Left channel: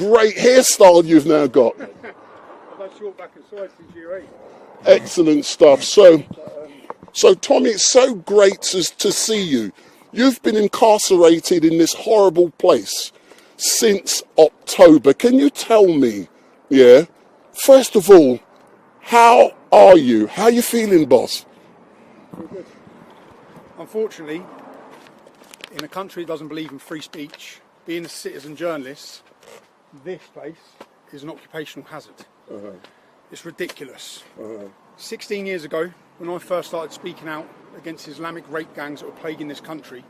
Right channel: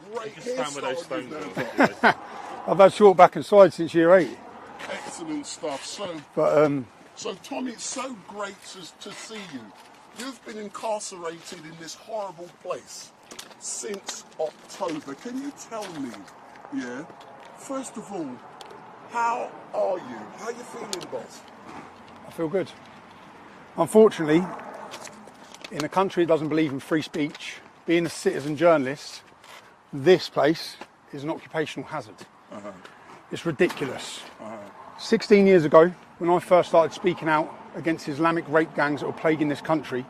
great hairstyle you've now got. I've had short back and side since year 8. Excellent stuff. So, But, so Tommy, it's so great to see you. You've been incarcerated in this horrible place since October. Can you tell me, first of all, how are you? How are you feeling, boss? I feel good. Unfortunately, in a country that doesn't believe in free speech, being a citizen journalist, this place is an occupational hazard. It's ridiculous. 16 years ago, when I first started speaking out against Islamic rape gangs that were plaguing this country,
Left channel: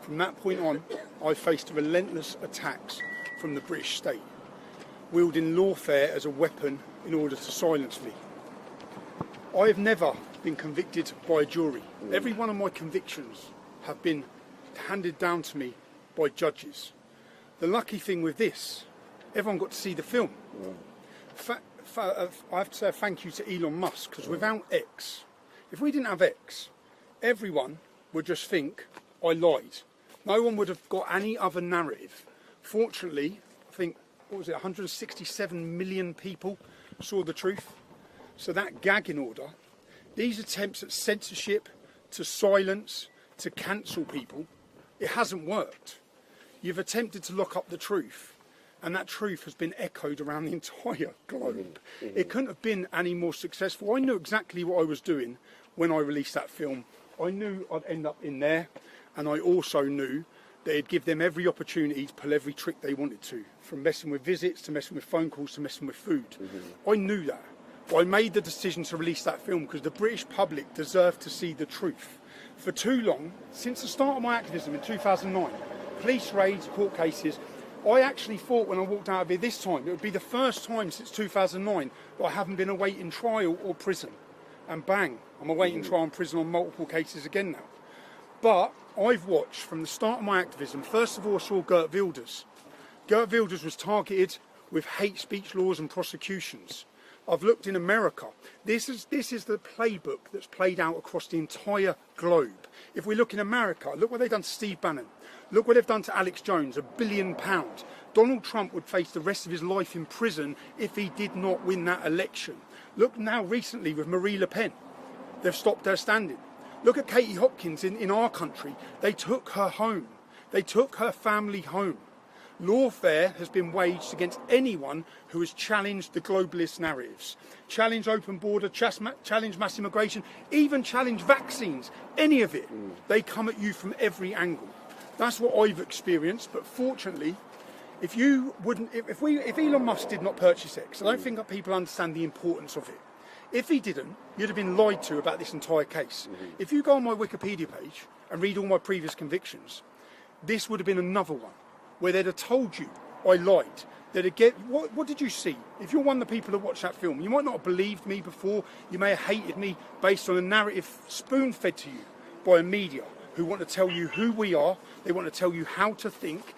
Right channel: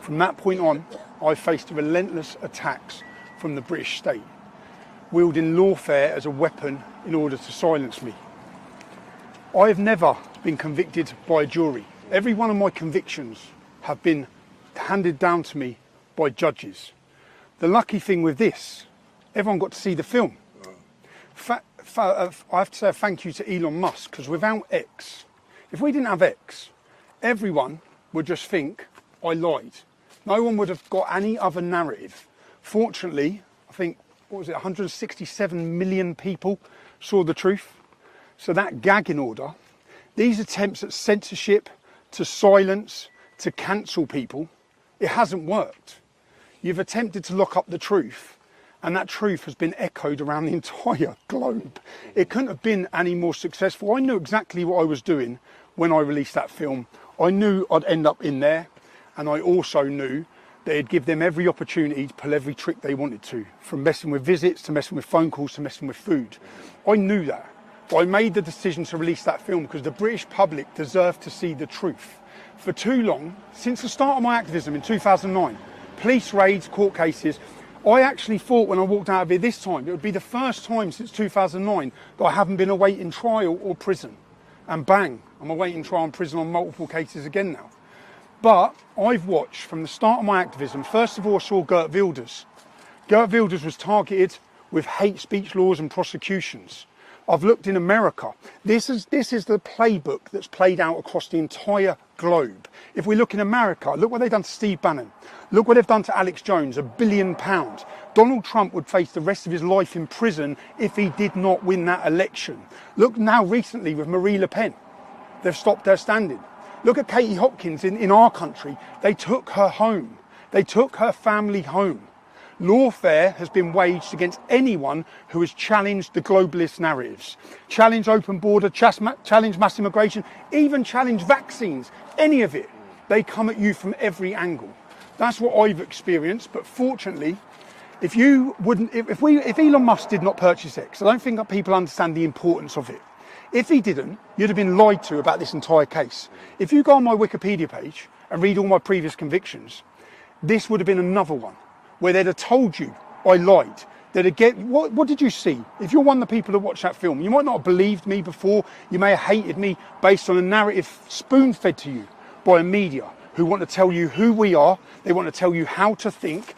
from that point on, I faced relentless attacks from the British state, wielding lawfare as a weapon in order to silence me. I have never been convicted by a jury. Every one of my convictions have been handed down to me by judges. The lucky thing with this, everyone got to see the film. I have to say a thank you to Elon Musk, because without X, if we didn't have X, everyone would just think I lied. No one would have got any other narrative. Fortunately, I think, 167 million people saw the truth. So that gagging order, these attempts at censorship, to silence, to cancel people, it hasn't worked. You've attempted to lock up the truth, and that truth has been echoed around the entire globe. It couldn't have been any more successful. I knew exactly what I was doing when I released that film. I knew I'd end up in there, and I also knew they'd give them every opportunity to pull every trick they wanted to, from messing with visits, to messing with phone calls, to messing with food. I knew that. But I made the decision to release that film because the British public deserved to see the truth. For too long, since the start of my activism in 2009, police raids, court cases, I actually thought when I walked out of here this time, it would be the first time since 2009 that I haven't been awaiting trial or prison. And bang, I'm awaiting trial and prison on multiple cases again now. But I've watched from the start of my activism, first of all I saw Geert Wilders. Geert Wilders was targeted with hate speech laws and prosecutions. I've looked in America. This is the playbook that's played out across the entire globe. If we look in America, look what they've done to Steve Bannon. Look what they've done to Alex Jones, £1 billion. Donald Trump would face the rest of his life in prison if he did not win that election. Look now recently with Marie Le Pen. They've stopped her standing. Look at Katie Hopkins in our country. They took her home. They took her family home. Lawfare has been waged against anyone who has challenged the globalist narratives, challenged open border, challenged mass immigration, even challenged vaccines, any of it. They come at you from every angle. That's what I've experienced, but fortunately, if Elon Musk did not purchase X, I don't think that people understand the importance of it. If he didn't, you'd have been lied to about this entire case. If you go on my Wikipedia page and read all my previous convictions, this would have been another one where they'd have told you I lied. They'd have what did you see? If you're one of the people that watched that film, you might not have believed me before, you may have hated me based on a narrative spoon-fed to you by a media who want to tell you who we are, they want to tell you how to think.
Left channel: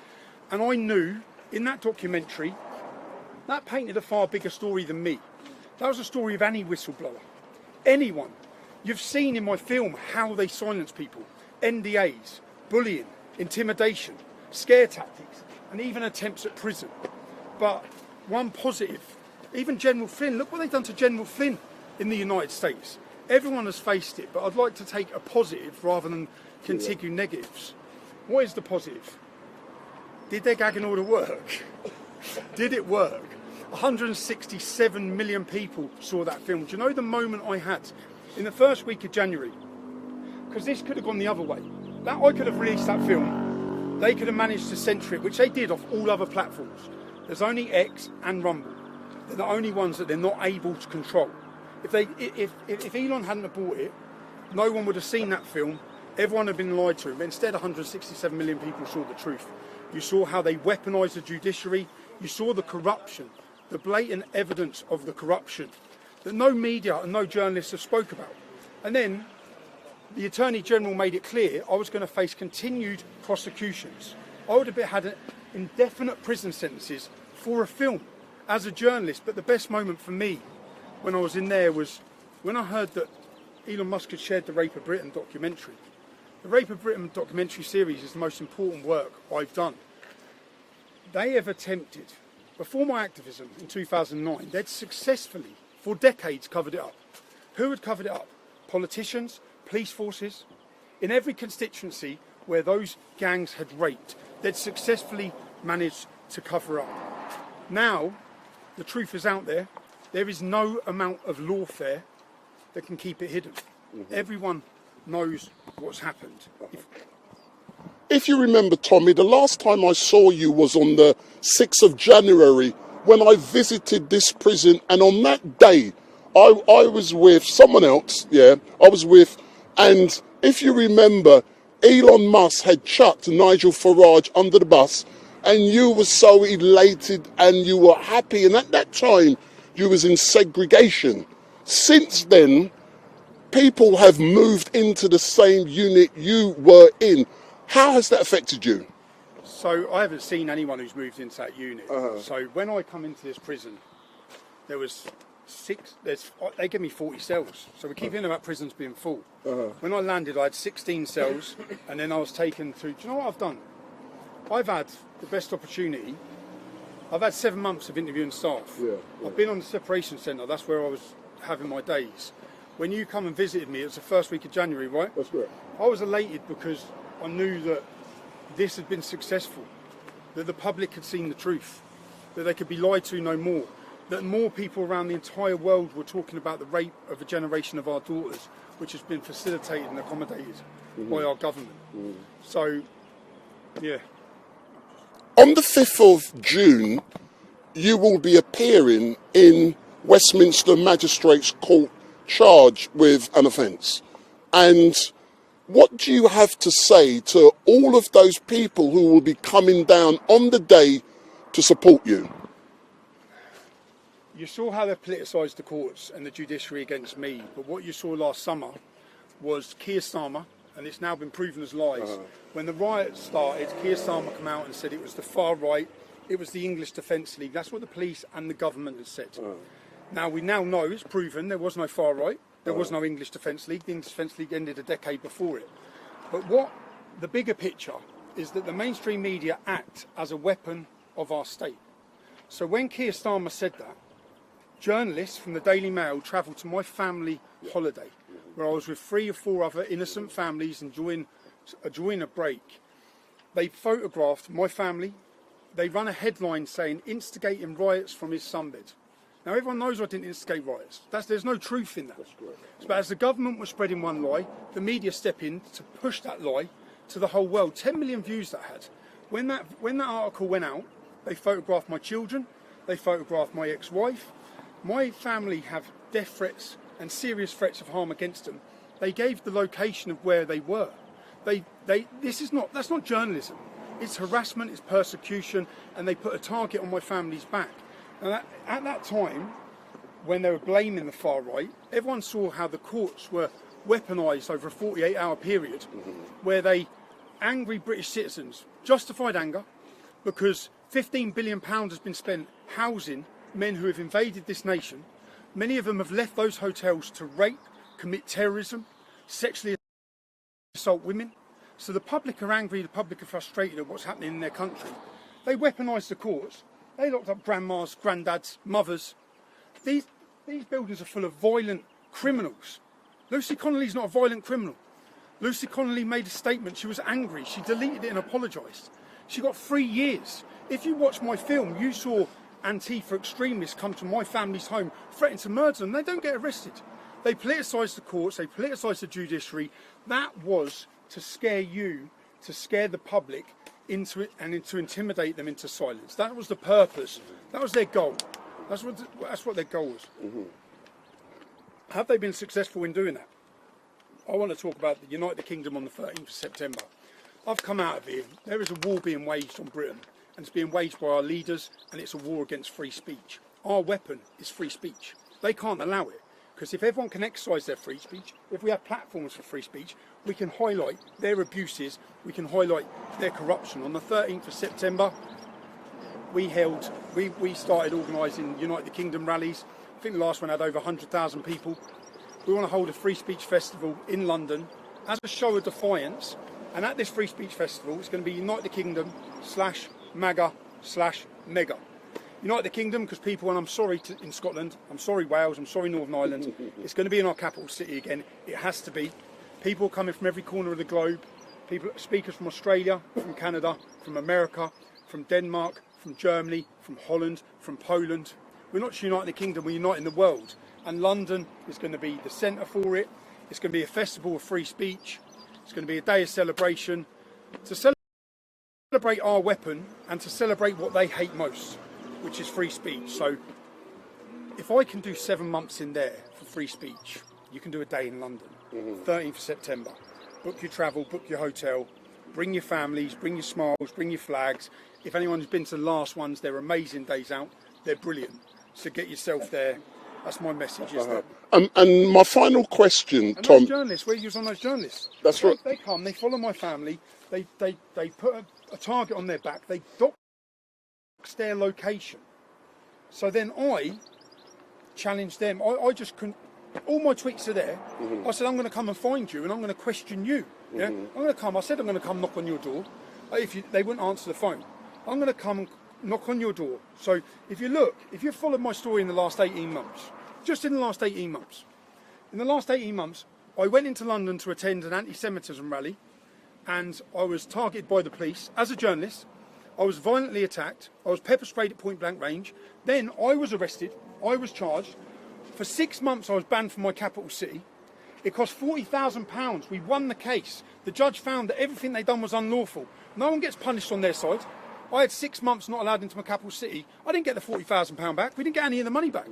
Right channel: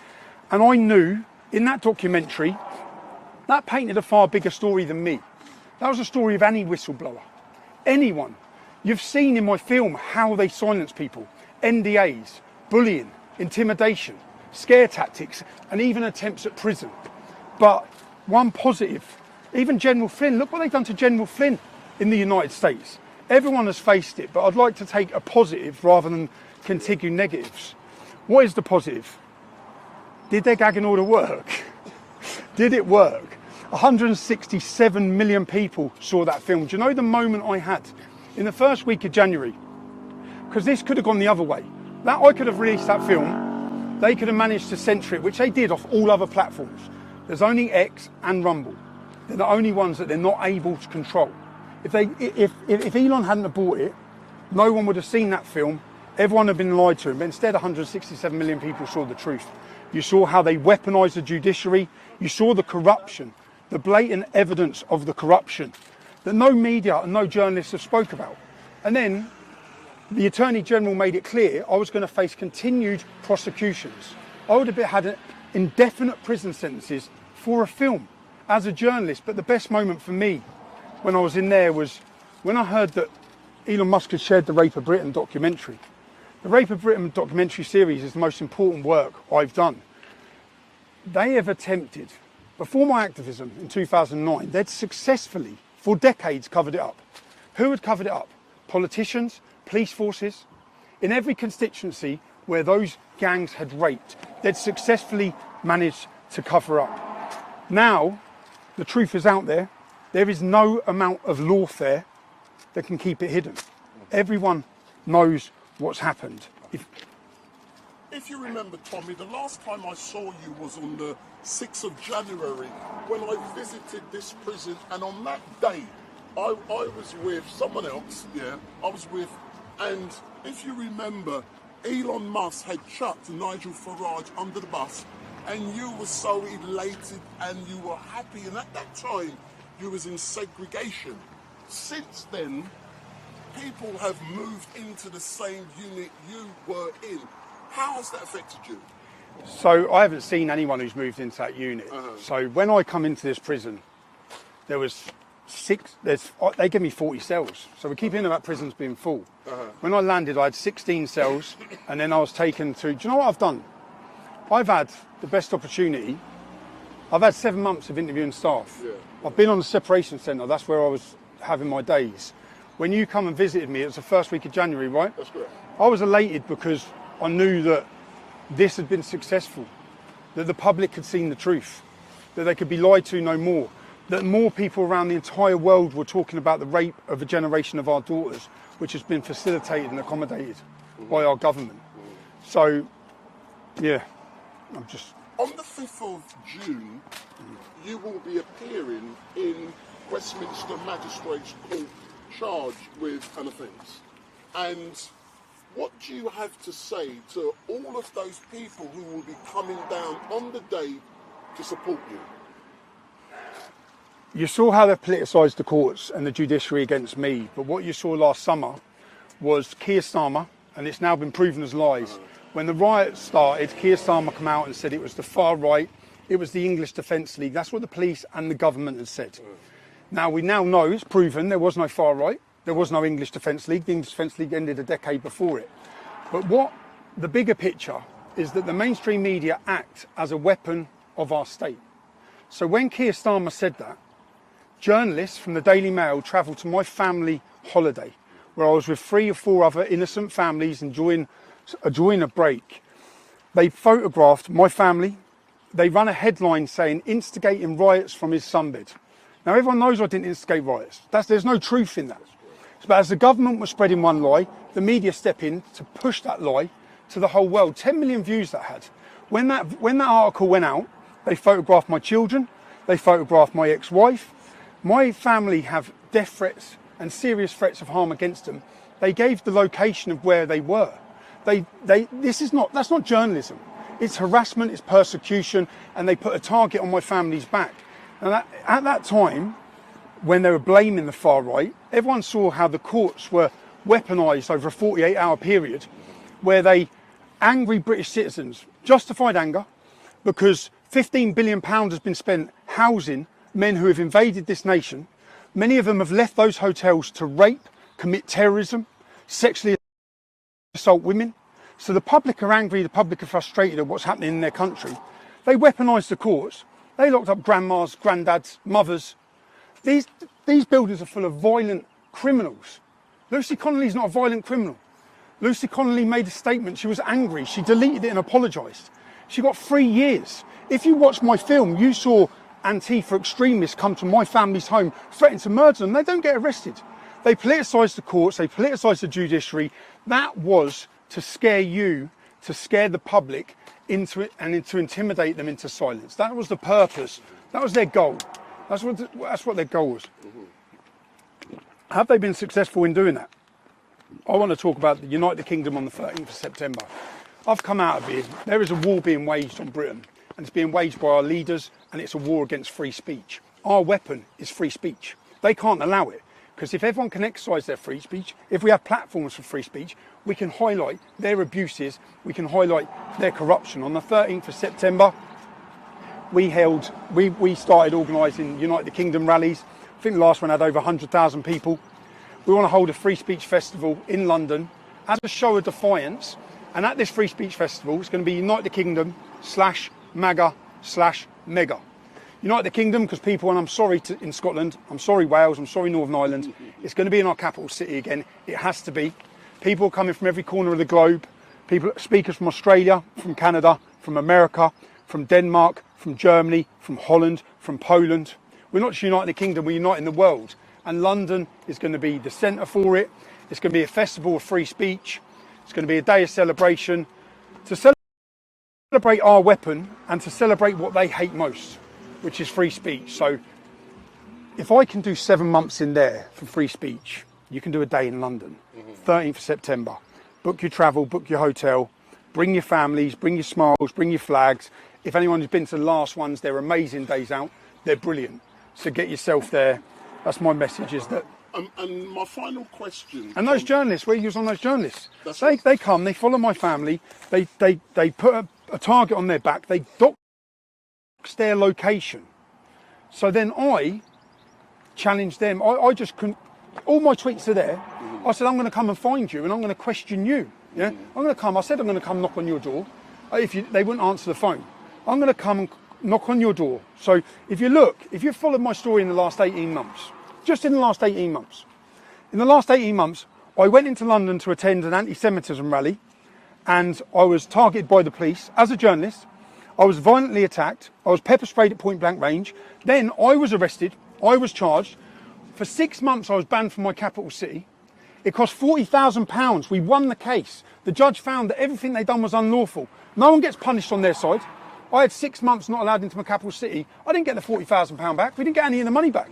And I knew in that documentary, that painted a far bigger story than me. That was a story of any whistleblower, anyone. You've seen in my film how they silence people, NDAs, bullying, intimidation, scare tactics, and even attempts at prison. But one positive, even General Flynn, look what they've done to General Flynn in the United States. Everyone has faced it, but I'd like to take a positive rather than continue negatives. What is the positive? Did their gagging order work? Did it work? 167 million people saw that film. Do you know the moment I had in the first week of January? Because this could have gone the other way. That I could have released that film, they could have managed to censor it, which they did off all other platforms. There's only X and Rumble. They're the only ones that they're not able to control. If Elon hadn't have bought it, no one would have seen that film. Everyone had been lied to, but instead 167 million people saw the truth. You saw how they weaponised the judiciary. You saw the corruption, the blatant evidence of the corruption that no media and no journalists have spoke about. And then the Attorney General made it clear I was going to face continued prosecutions. I would have had indefinite prison sentences for a film as a journalist. But the best moment for me when I was in there was when I heard that Elon Musk had shared the Rape of Britain documentary. The Rape of Britain documentary series is the most important work I've done. They have attempted Before my activism in 2009, they'd successfully, for decades, covered it up. Who had covered it up? Politicians, police forces. In every constituency where those gangs had raped, they'd successfully managed to cover up. Now, the truth is out there. There is no amount of lawfare that can keep it hidden. Everyone knows what's happened. If you remember, Tommy, the last time I saw you was on the 6th of January when I visited this prison, and on that day I was with someone else, and if you remember, Elon Musk had chucked Nigel Farage under the bus, and you were so elated and you were happy, and at that time you was in segregation. Since then, people have moved into the same unit you were in. How has that affected you? So I haven't seen anyone who's moved into that unit. So when I come into this prison, there was they give me 40 cells. So we keep hearing about prisons being full. When I landed, I had 16 cells, and then I was taken to, do you know what I've done? I've had the best opportunity. I've had 7 months of interviewing staff. I've been on the separation centre. That's where I was having my days. When you come and visited me, it was the first week of January, right? That's correct. I was elated because I knew that this had been successful, that the public had seen the truth, that they could be lied to no more, that more people around the entire world were talking about the rape of a generation of our daughters, which has been facilitated and accommodated by our government. So, yeah, I'm just... On the 5th of June, you will be appearing in Westminster Magistrates Court charged with an offence. And what do you have to say to all of those people who will be coming down on the day to support you? You saw how they politicised the courts and the judiciary against me, but what you saw last summer was Keir Starmer, and it's now been proven as lies. When the riots started, Keir Starmer came out and said it was the far right, it was the English Defence League. That's what the police and the government had said. Now we now know, it's proven, there was no far right, there was no English Defence League. The English Defence League ended a decade before it. But what the bigger picture is that the mainstream media act as a weapon of our state. So when Keir Starmer said that, journalists from the Daily Mail travelled to my family holiday, where I was with 3 or 4 other innocent families enjoying a break. They photographed my family. They ran a headline saying, "Instigating riots from his sunbed." Now, everyone knows I didn't instigate riots. There's no truth in that. But as the government was spreading one lie, the media stepped in to push that lie to the whole world. 10 million views that had. When that article went out, they photographed my children. They photographed my ex-wife. My family have death threats and serious threats of harm against them. They gave the location of where they were. That's not journalism. It's harassment, it's persecution, and they put a target on my family's back. And at that time, when they were blaming the far right, everyone saw how the courts were weaponised over a 48-hour period, where angry British citizens, justified anger, because £15 billion has been spent housing men who have invaded this nation. Many of them have left those hotels to rape, commit terrorism, sexually assault women. So the public are angry, the public are frustrated at what's happening in their country. They weaponised the courts. They locked up grandmas, granddads, mothers. These buildings are full of violent criminals. Lucy Connolly's not a violent criminal. Lucy Connolly made a statement. She was angry. She deleted it and apologised. She got 3 years. If you watched my film, you saw Antifa extremists come to my family's home, threaten to murder them. They don't get arrested. They politicised the courts. They politicised the judiciary. That was to scare you, to scare the public into it, and to intimidate them into silence. That was the purpose. That was their goal. That's what their goal was. Have they been successful in doing that? I want to talk about the United Kingdom on the 13th of September. I've come out of here. There is a war being waged on Britain, and it's being waged by our leaders, and it's a war against free speech. Our weapon is free speech. They can't allow it, because if everyone can exercise their free speech, if we have platforms for free speech, we can highlight their abuses, we can highlight their corruption. On the 13th of September, we started organising United Kingdom rallies. I think the last one had over 100,000 people. We want to hold a free speech festival in London as a show of defiance. And at this free speech festival, it's going to be United Kingdom /MAGA/MEGA. United Kingdom, because people, and I'm sorry in Scotland, I'm sorry Wales, I'm sorry Northern Ireland, it's going to be in our capital city again. It has to be. People coming from every corner of the globe, speakers from Australia, from Canada, from America, from Denmark, from Germany, from Holland, from Poland. We're not just uniting the kingdom, we're uniting the world. And London is going to be the centre for it. It's going to be a festival of free speech. It's going to be a day of celebration to celebrate our weapon and to celebrate what they hate most, which is free speech. So if I can do 7 months in there for free speech, you can do a day in London, 13th of September. Book your travel, book your hotel, bring your families, bring your smiles, bring your flags. If anyone who's been to the last ones, they're amazing days out. They're brilliant. So get yourself there. That's my message, is that... And my final question, And Tom, those journalists, where you on those journalists? That's right. They come, they follow my family, they put a target on their back, they dox their location. So then I challenged them. I just couldn't... All my tweets are there. I said, I'm going to come and find you and I'm going to question you. Yeah, I'm going to come. I said I'm going to come knock on your door. They wouldn't answer the phone. I'm going to come and knock on your door. So if you look, if you've followed my story in the last 18 months, just in the last 18 months, in the last 18 months, I went into London to attend an anti-Semitism rally, and I was targeted by the police as a journalist. I was violently attacked. I was pepper sprayed at point blank range. Then I was arrested. I was charged. For 6 months, I was banned from my capital city. It cost £40,000. We won the case. The judge found that everything they'd done was unlawful. No one gets punished on their side. I had 6 months not allowed into my capital city. I didn't get the £40,000 back. We didn't get any of the money back.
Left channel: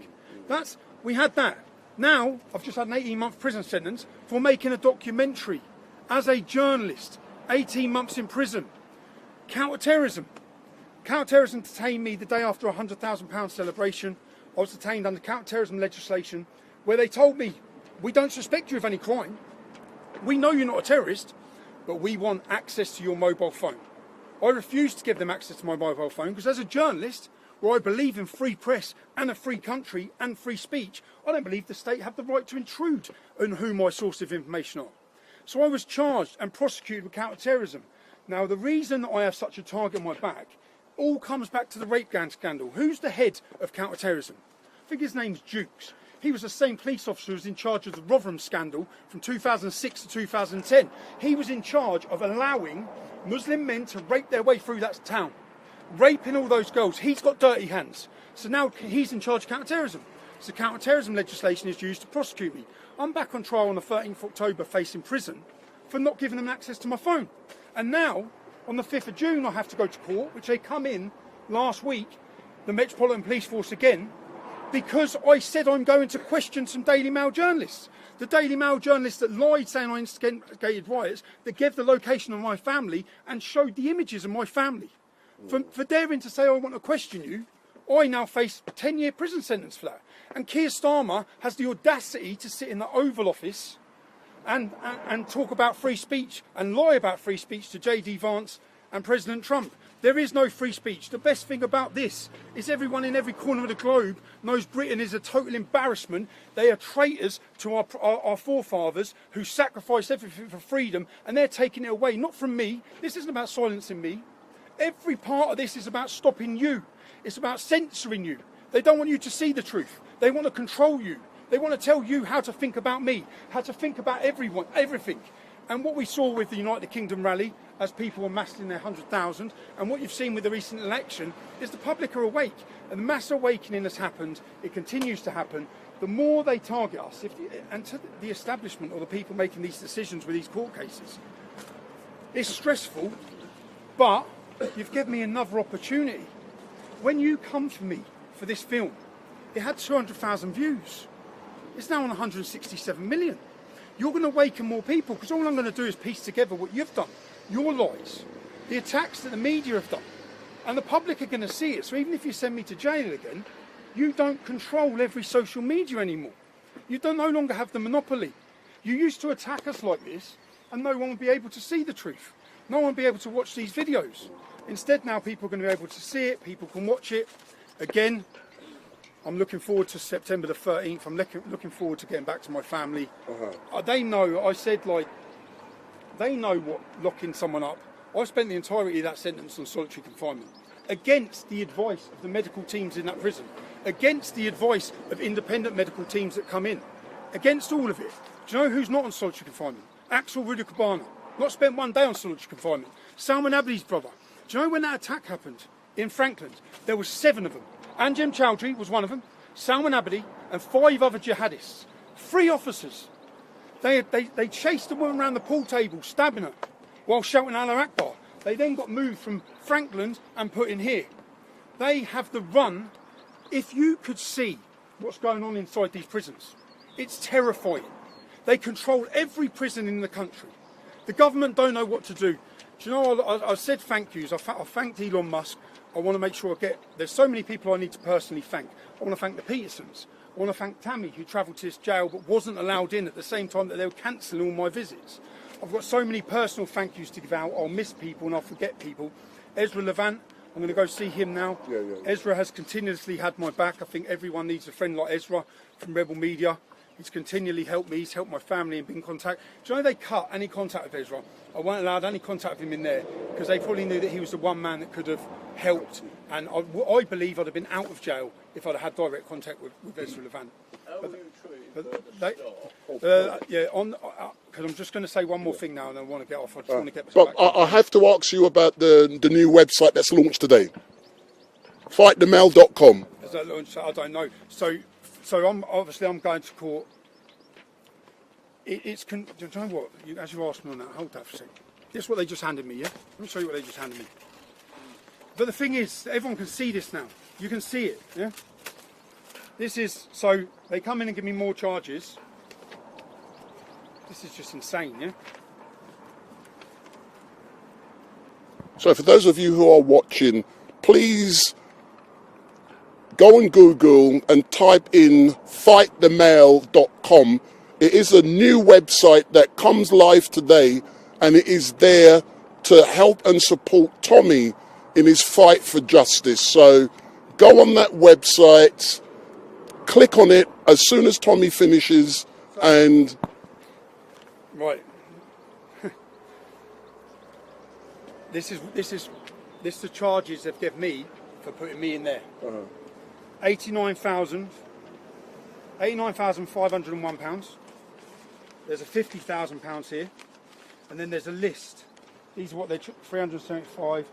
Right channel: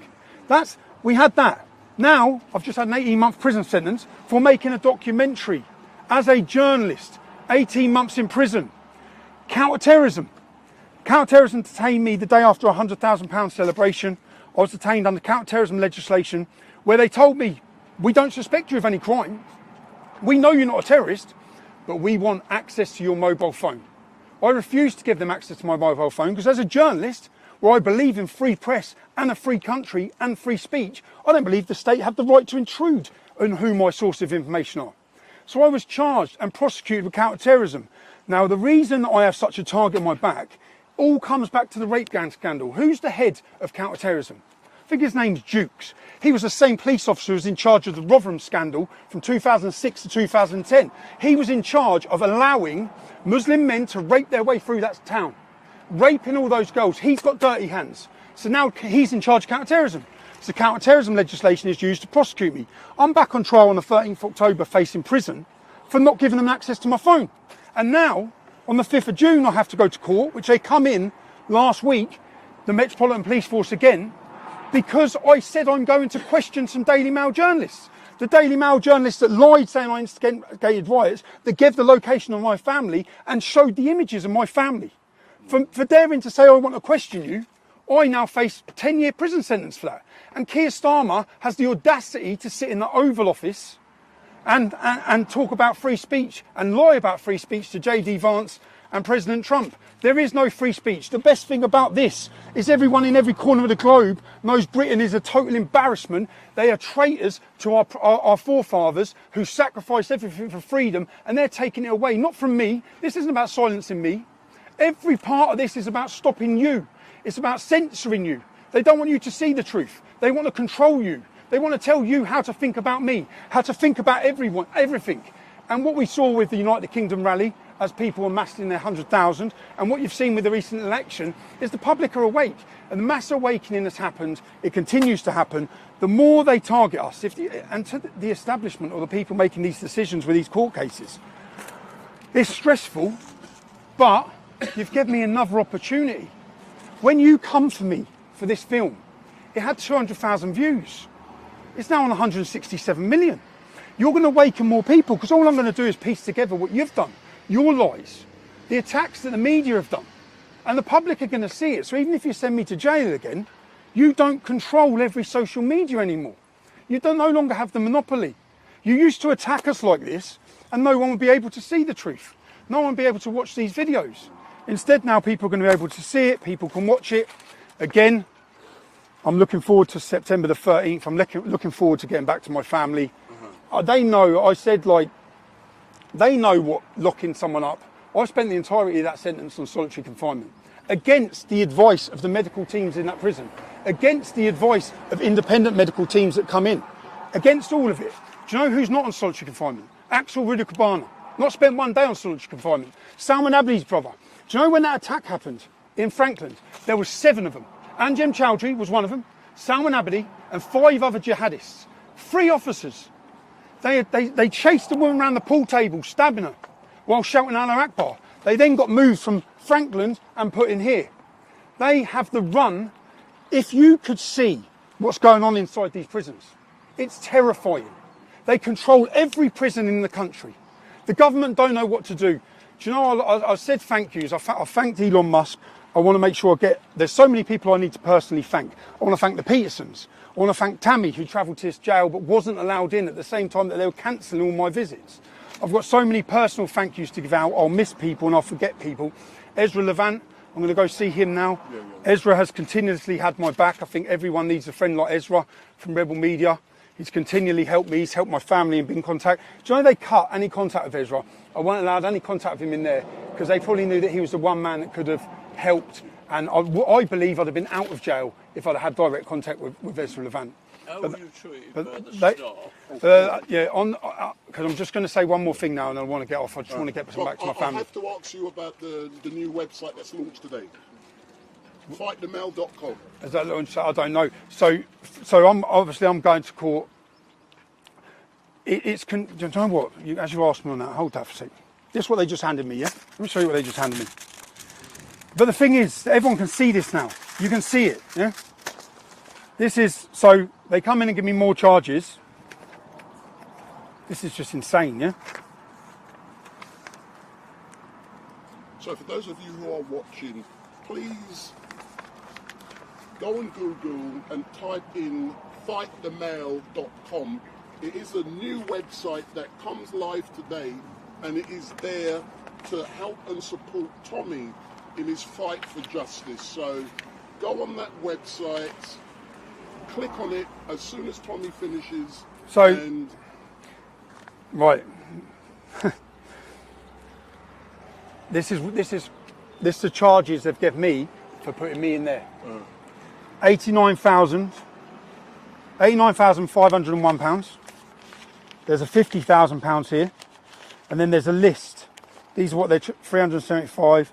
We had that. Now, I've just had an 18-month prison sentence for making a documentary as a journalist. 18 months in prison. Counter-terrorism. Counter-terrorism detained me the day after a £100,000 celebration. I was detained under counter-terrorism legislation where they told me, we don't suspect you of any crime. We know you're not a terrorist, but we want access to your mobile phone. I refused to give them access to my mobile phone because as a journalist, where I believe in free press and a free country and free speech, I don't believe the state have the right to intrude on who my source of information are. So I was charged and prosecuted with counter-terrorism. Now, the reason that I have such a target on my back all comes back to the rape gang scandal. Who's the head of counter-terrorism? I think his name's Dukes. He was the same police officer who was in charge of the Rotherham scandal from 2006 to 2010. He was in charge of allowing Muslim men to rape their way through that town. Raping all those girls. He's got dirty hands. So now he's in charge of counter-terrorism. So counter-terrorism legislation is used to prosecute me. I'm back on trial on the 13th of October facing prison for not giving them access to my phone. And now, on the 5th of June, I have to go to court, which they come in last week, the Metropolitan Police Force again, because I said I'm going to question some Daily Mail journalists. The Daily Mail journalists that lied saying I instigated riots, that gave the location of my family and showed the images of my family. For daring to say I want to question you, I now face a 10-year prison sentence for that. And Keir Starmer has the audacity to sit in the Oval Office and talk about free speech and lie about free speech to J.D. Vance and President Trump. There is no free speech. The best thing about this is everyone in every corner of the globe knows Britain is a total embarrassment. They are traitors to our forefathers who sacrificed everything for freedom, and they're taking it away. Not from me. This isn't about silencing me. Every part of this is about stopping you. It's about censoring you. They don't want you to see the truth. They want to control you. They want to tell you how to think about me, how to think about everyone, everything. And what we saw with the United Kingdom rally, as people amassed in their 100,000, and what you've seen with the recent election, is the public are awake. And the mass awakening has happened. It continues to happen. The more they target us, and to the establishment or the people making these decisions with these court cases, it's stressful, but you've given me another opportunity. When you come for me for this film, it had 200,000 views. It's now on 167 million. You're going to awaken more people because all I'm going to do is piece together what you've done, your lies, the attacks that the media have done, and the public are going to see it. So even if you send me to jail again, you don't control every social media anymore. You no longer have the monopoly. You used to attack us like this and no one would be able to see the truth. No one would be able to watch these videos. Instead, now people are going to be able to see it, people can watch it. Again, I'm looking forward to September the 13th. I'm looking forward to getting back to my family. They know, I said, like, they know what locking someone up. I spent the entirety of that sentence on solitary confinement. against the advice of the medical teams in that prison, against the advice of independent medical teams that come in, against all of it. Do you know who's not on solitary confinement? Axel Rudakabana. Not spent one day on solitary confinement. Salman Abdi's brother. Do you know when that attack happened in Frankland? There were 7 of them. Anjem Chowdhury was one of them, Salman Abdi, and 5 other jihadists. 3 officers. They chased the woman around the pool table, stabbing her, while shouting Allah Akbar. They then got moved from Frankland and put in here. They have the run. If you could see what's going on inside these prisons, it's terrifying. They control every prison in the country. The government don't know what to do. Do you know, I said thank yous. I thanked Elon Musk. I want to make sure there's so many people I need to personally thank. I want to thank the Petersons. I want to thank Tammy, who travelled to this jail but wasn't allowed in at the same time that they were cancelling all my visits. I've got so many personal thank yous to give out. I'll miss people and I'll forget people. Ezra Levant, I'm going to go see him now. Yeah. Ezra has continuously had my back. I think everyone needs a friend like Ezra from Rebel Media. He's continually helped me. He's helped my family and been in contact. Do you know they cut any contact with Ezra? I wasn't allowed any contact with him in there because they probably knew that he was the one man that could have helped. And I believe I'd have been out of jail if I'd had direct contact with Ezra Levant. How were you treated? Because I'm just going to say one more thing now and I want to get off. I just want to get back to my I have to ask you about the new website that's launched today. FightTheMail.com. Is that launched? I don't know. So I'm going to court. Do you know what? As you asked me on that, hold that for a sec. This is what they just handed me, yeah? Let me show you what they just handed me. But the thing is, everyone can see this now. You can see it, yeah? This is, so they come in and give me more charges. This is just insane, yeah? So for those of you who are watching, please go on Google and type in FightTheMail.com. It is a new website that comes live today, and it is there to help and support Tommy in his fight for justice. So go on that website, click on it as soon as Tommy finishes, and... Right. This is the charges they've given me for putting me in there. £89,501. There's a £50,000 here, and then there's a list. These are what they're 375.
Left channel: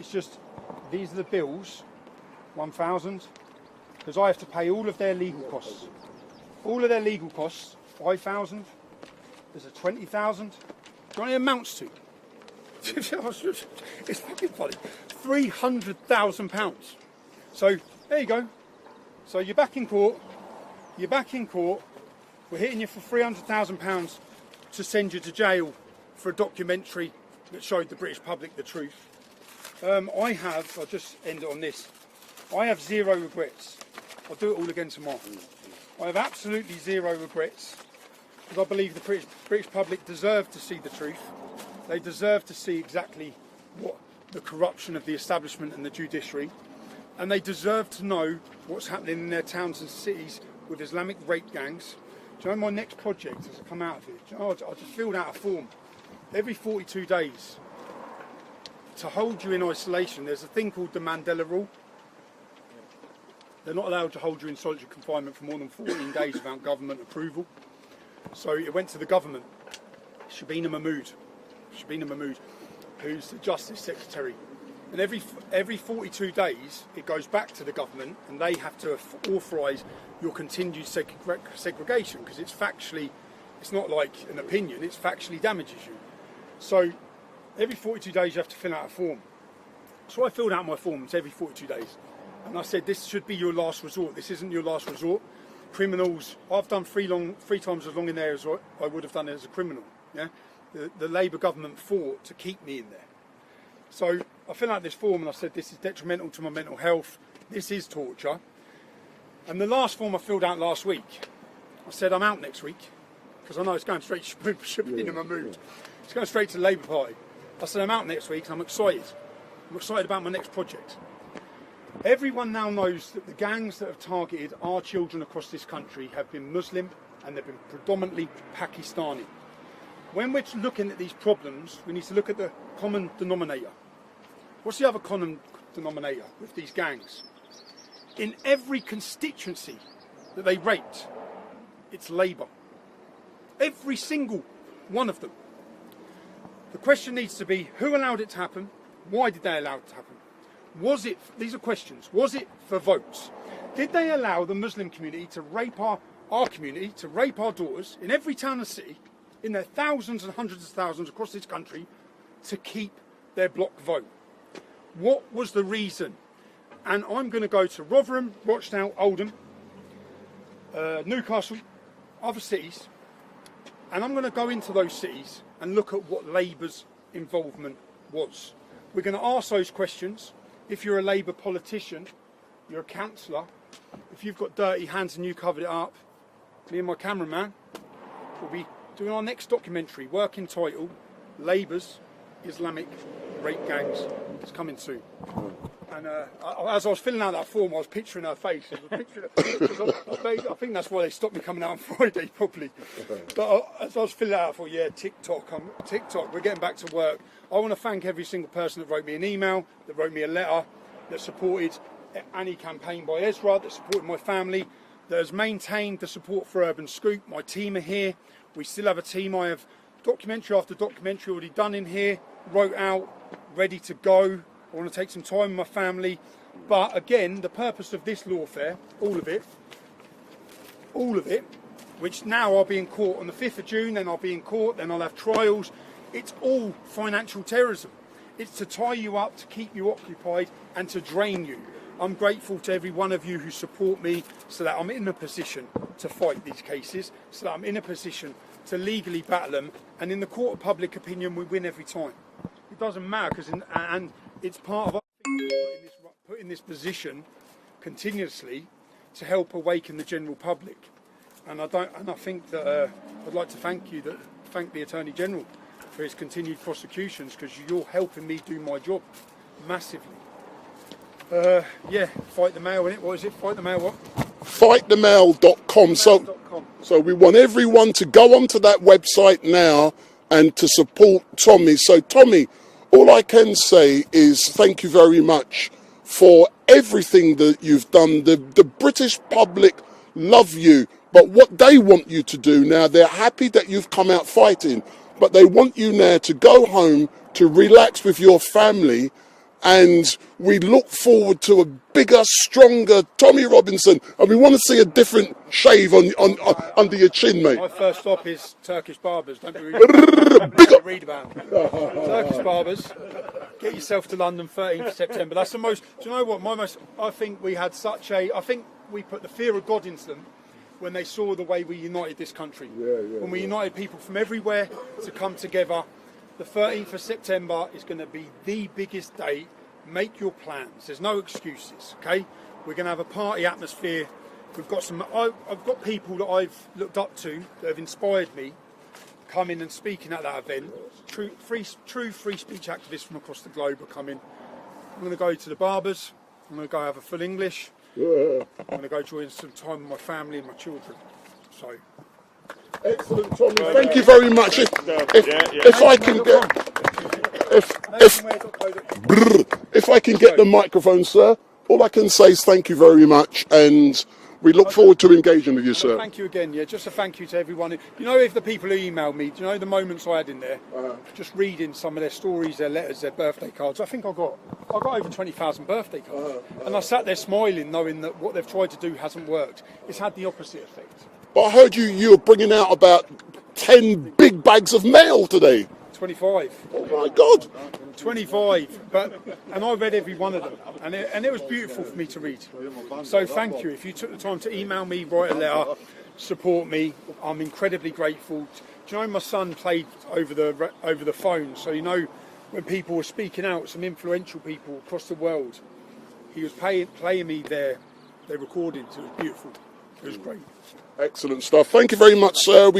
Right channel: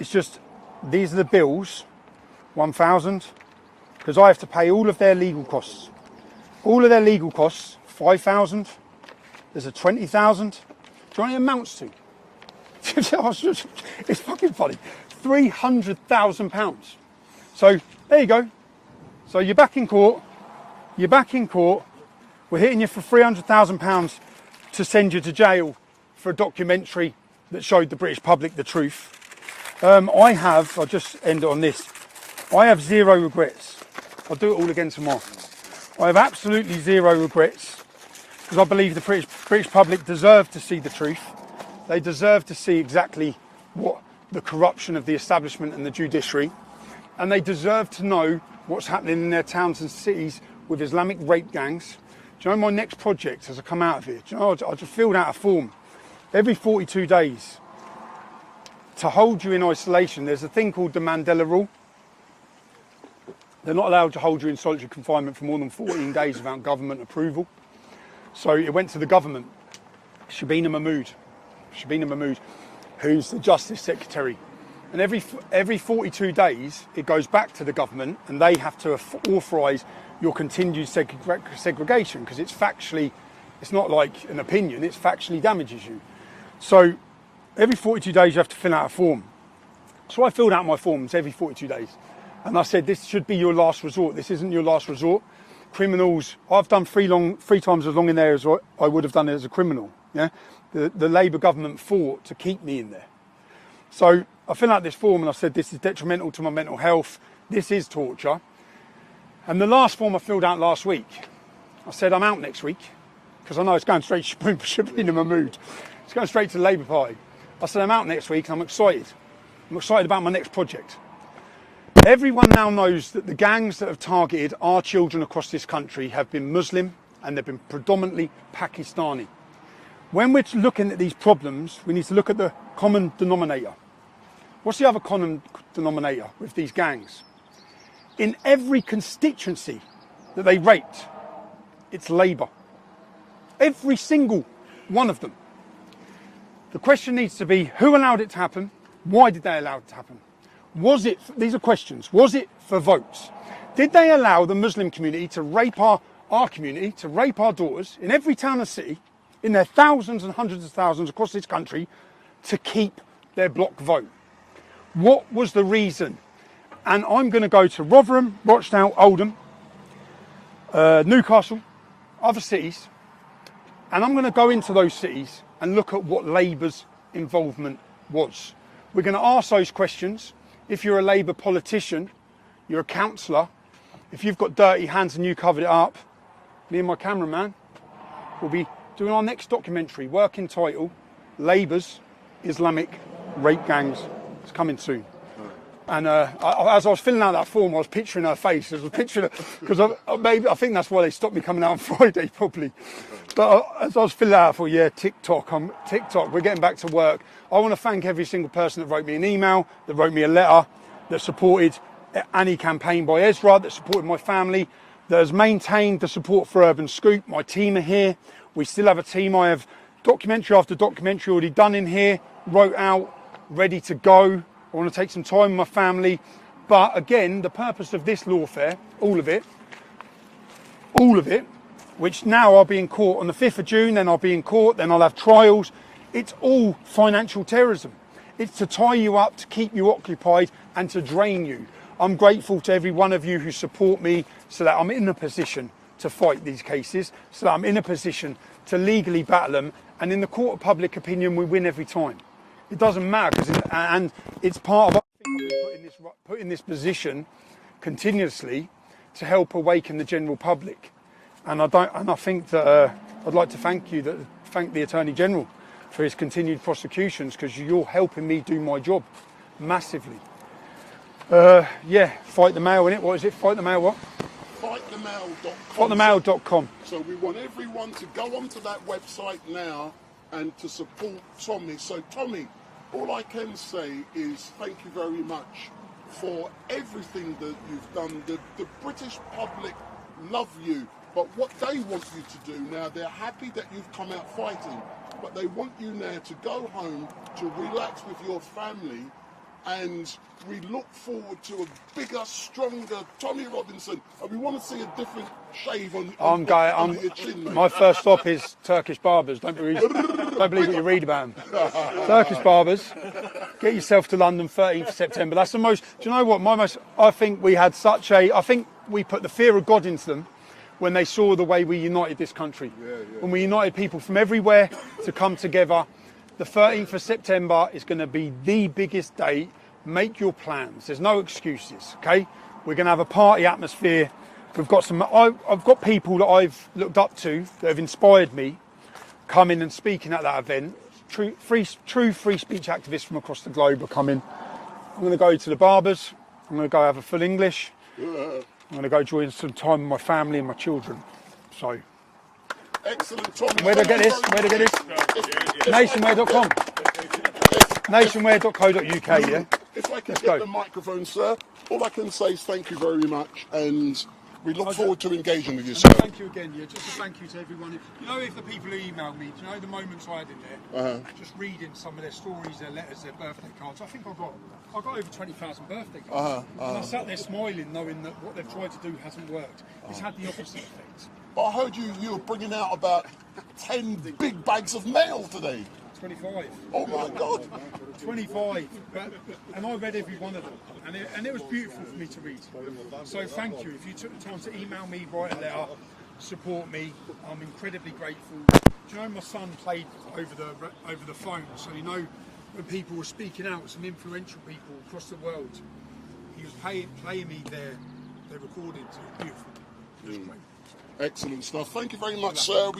It's just these are the bills, 1,000, because I have to pay all of their legal costs. All of their legal costs, 5,000. There's a 20,000. Do you know what it amounts to? It's fucking funny. £300,000. So there you go. So you're back in court. You're back in court. We're hitting you for £300,000 to send you to jail for a documentary that showed the British public the truth. I'll just end it on this. I have 0 regrets. I'll do it all again tomorrow. I have absolutely 0 regrets because I believe the British public deserve to see the truth. They deserve to see exactly what the corruption of the establishment and the judiciary, and they deserve to know what's happening in their towns and cities with Islamic rape gangs. Do you know my next project as I come out of here? Do you know, I just filled out a form. Every 42 days, to hold you in isolation, there's a thing called the Mandela Rule. They're not allowed to hold you in solitary confinement for more than 14 days without government approval. So it went to the government. Shabina Mahmood, who's the Justice Secretary. And every 42 days, it goes back to the government and they have to authorise your continued segregation because it's not like an opinion, it factually damages you. So every 42 days you have to fill out a form. So I filled out my forms every 42 days. And I said, this should be your last resort. This isn't your last resort. Criminals, I've done 3 times as long in there as I would have done it as a criminal. Yeah, the Labour government fought to keep me in there. So I filled out this form and I said, this is detrimental to my mental health. This is torture. And the last form I filled out last week, I said, I'm out next week. Because I know it's going straight to Shabina Mahmood. It's going straight to the Labour Party. I said, I'm out next week and I'm excited. I'm excited about my next project. Everyone now knows that the gangs that have targeted our children across this country have been Muslim and they've been predominantly Pakistani. When we're looking at these problems, we need to look at the common denominator. What's the other common denominator with these gangs? In every constituency that they rate, it's Labour. Every single one of them. The question needs to be, who allowed it to happen? Why did they allow it to happen? Was it, these are questions, was it for votes? Did they allow the Muslim community to rape our community, to rape our daughters in every town and city, in their thousands and hundreds of thousands across this country, to keep their block vote? What was the reason? And I'm going to go to Rotherham, Rochdale, Oldham, Newcastle, other cities, and I'm going to go into those cities and look at what Labour's involvement was. We're going to ask those questions. If you're a Labour politician, you're a councillor, if you've got dirty hands and you covered it up, me and my cameraman will be doing our next documentary, working title, Labour's Islamic Rape Gangs. It's coming soon. And as I was filling out that form, I was picturing her face. I was picturing her, because I think that's why they stopped me coming out on Friday, probably. But as I was filling out, I thought, yeah, TikTok, we're getting back to work. I want to thank every single person that wrote me an email, that wrote me a letter, that supported any campaign by Ezra, that supported my family, that has maintained the support for Urban Scoop. My team are here. We still have a team. I have documentary after documentary already done in here, wrote out, ready to go. I want to take some time with my family. But again, the purpose of this lawfare, all of it, which now I'll be in court on the 5th of June, then I'll be in court, then I'll have trials. It's all financial terrorism. It's to tie you up, to keep you occupied and to drain you. I'm grateful to every one of you who support me so that I'm in a position to fight these cases, so that I'm in a position to legally battle them. And in the court of public opinion, we win every time. It doesn't matter, and it's part of put in this position continuously to help awaken the general public. And I think that I'd like to thank the Attorney General for his continued prosecutions, because you're helping me do my job massively. Yeah, Fight the Mail, innit? What is it? Fight the Mail what? Fightthemail.com. Fightthemail.com. So we want everyone to go onto that website now and to support Tommy. So Tommy, all I can say is thank you very much for everything that you've done. The British public love you, but what they want you to do now, they're happy that you've come out fighting, but they want you now to go home, to relax with your family, and we look forward to a bigger, stronger Tommy Robinson, and we want to see a different shave under your chin, mate. My first stop is Turkish barbers. Don't believe you read about them. Turkish barbers. Get yourself to London, 13th September. That's the most. Do you know what? I think we had such a. I think we put the fear of God into them when they saw the way we united this country. When we united people from everywhere to come together. The 13th of September is going to be the biggest day. Make your plans. There's no excuses, okay? We're going to have a party atmosphere. We've got I've got people that I've looked up to that have inspired me coming and speaking at that event. True free speech activists from across the globe are coming. I'm going to go to the barbers. I'm going to go have a full English. I'm going to go join some time with my family and my children. So. Excellent, Tommy. Thank you very much. Nationware.co.uk. If I can get the microphone, sir, all I can say is thank you very much, and we look forward to engaging with you, sir. Thank you again, yeah. Just a thank you to everyone. You know, if the people who emailed me, do you know the moments I had in there? Just reading some of their stories, their letters, their birthday cards. I think I got over 20,000 birthday cards. And I sat there smiling, knowing that what they've tried to do hasn't worked. It's had the opposite effect. But I heard you were bringing out about 10 big bags of mail today. 25. Oh my God. 25, and I read every one of them, and it was beautiful for me to read. So thank you. If you took the time to email me, write a letter, support me, I'm incredibly grateful. Do you know my son played over the phone? So you know when people were speaking out, some influential people across the world, he was playing me their recordings. It was beautiful. It was great. Excellent stuff. Thank you very much, sir.